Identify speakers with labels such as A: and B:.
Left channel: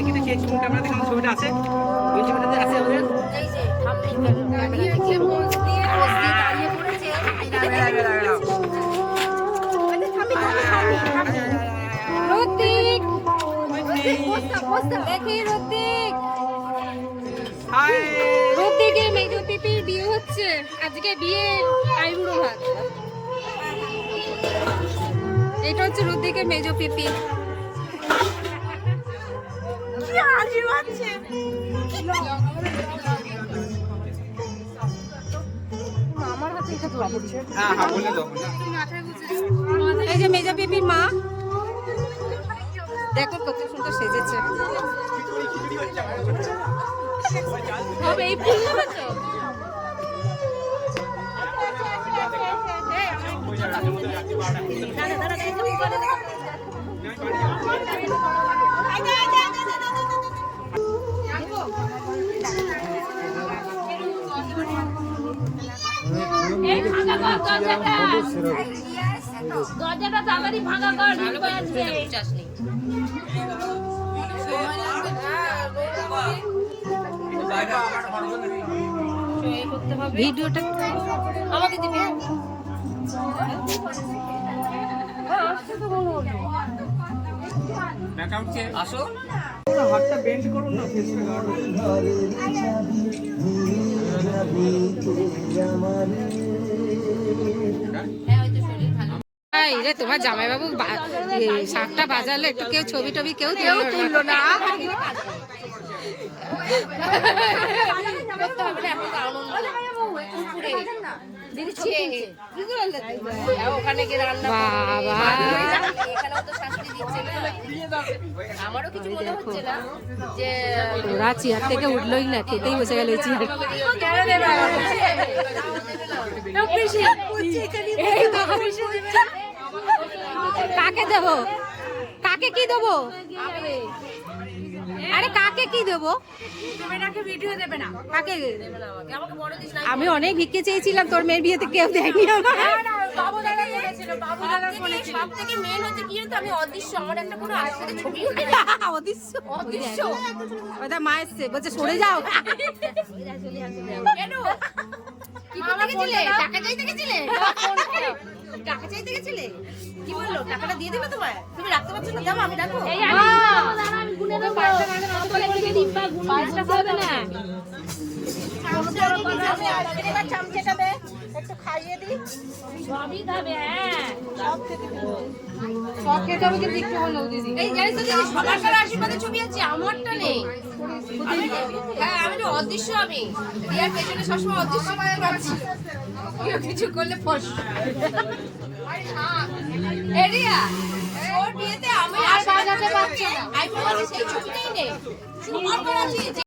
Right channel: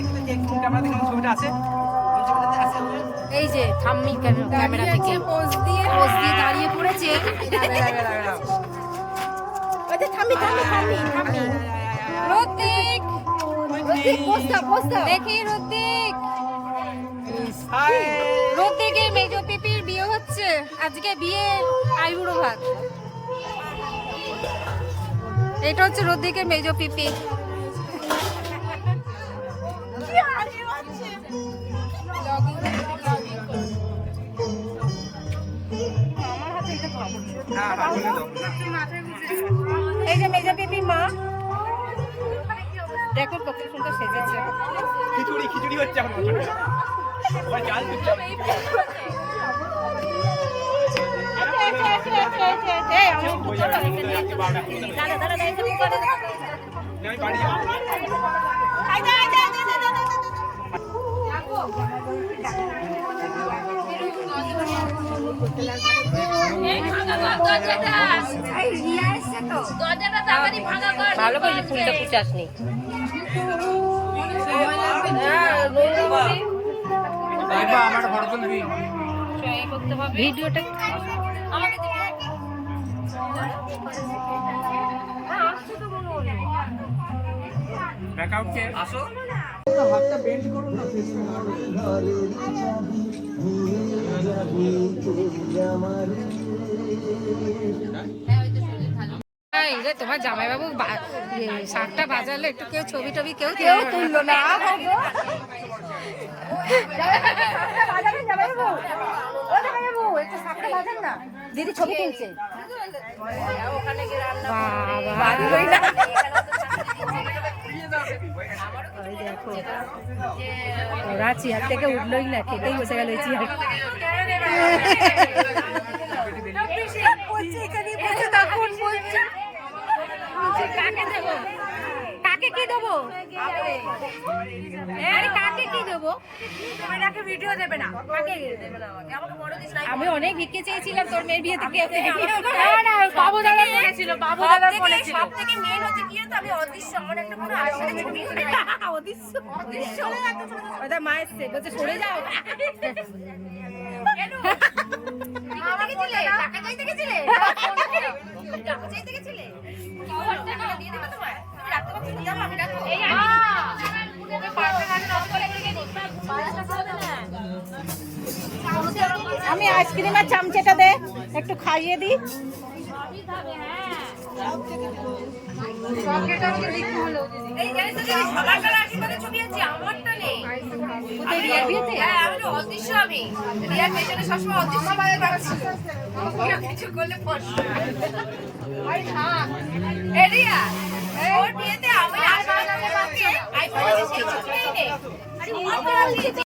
A: দেখি দেখি কোন ক্যামেরা দেখে ছবিটা আছে? কোন ছবিটাতে আছে আমাদের
B: এই যে থাম্বনেল ক্যামেরা থেকে পোজ দিয়ে পোজ দিয়ে দাঁড়িয়ে পড়েছে। ওদের থাম্বনেল
C: রতিক!
B: পোস্তা পোস্তা
C: দেখি রতিক!
A: হাই!
C: রতিকের মেজ পিপির বিয়ে হচ্ছে। আজকে বিয়ের আইবুড়ো ভাত। এটা হচ্ছে আমার হাতে এটা ধরিয়ে এই যে মেজা পিপির মা দেখো কত সুন্দর সেজেছে
A: খিচুড়ি খিচুড়ি হচ্ছে এখন সবাই
B: ভালো করে ফুলটা পুচাসনি
C: ভিডিওটা
A: ব্যাকআউটকে আসো হাতটা বেন্ড করুন না ফেসটা
C: রে তোমার জামাইবাবু শাকটা বাজালে একটু কেউ ছবি টবি কেউ তুললো না।
B: দিদি ছবি তুলছে।
C: বাবা। ওই দেখো। ওরা চেয়ার থেকে উঠলোই না খেতেই বসে গেল ওই চেয়ার। কাকে দেবো? কাকে কি দেবো? আরে কাকে কি
B: ভিডিও দেবে না?
C: কাকে? আমি অনেক ভিক্ষে চেয়েছিলাম তোর মেয়ের বিয়েতে কেউ দেয়নি দেখো। ওটা মা এসছে বলছে সরে যাও।
B: দিয়ে দেবে তোমায়? তুমি রাখতে পারছ না আমি রাখো আমি
C: আইসক্রিমের চামচেটা দে একটু খাইয়ে দিই
B: কাছে হ্যাঁ আমি অদৃশ্য আমি। পেছনে সবসময় অদৃশ্য কেউ কিছু করলে এরিয়া ওর বিয়েতে আমি আশীর্বাদ করতে পারছি আইফোন সেই ছবিটাই নেই 你们不能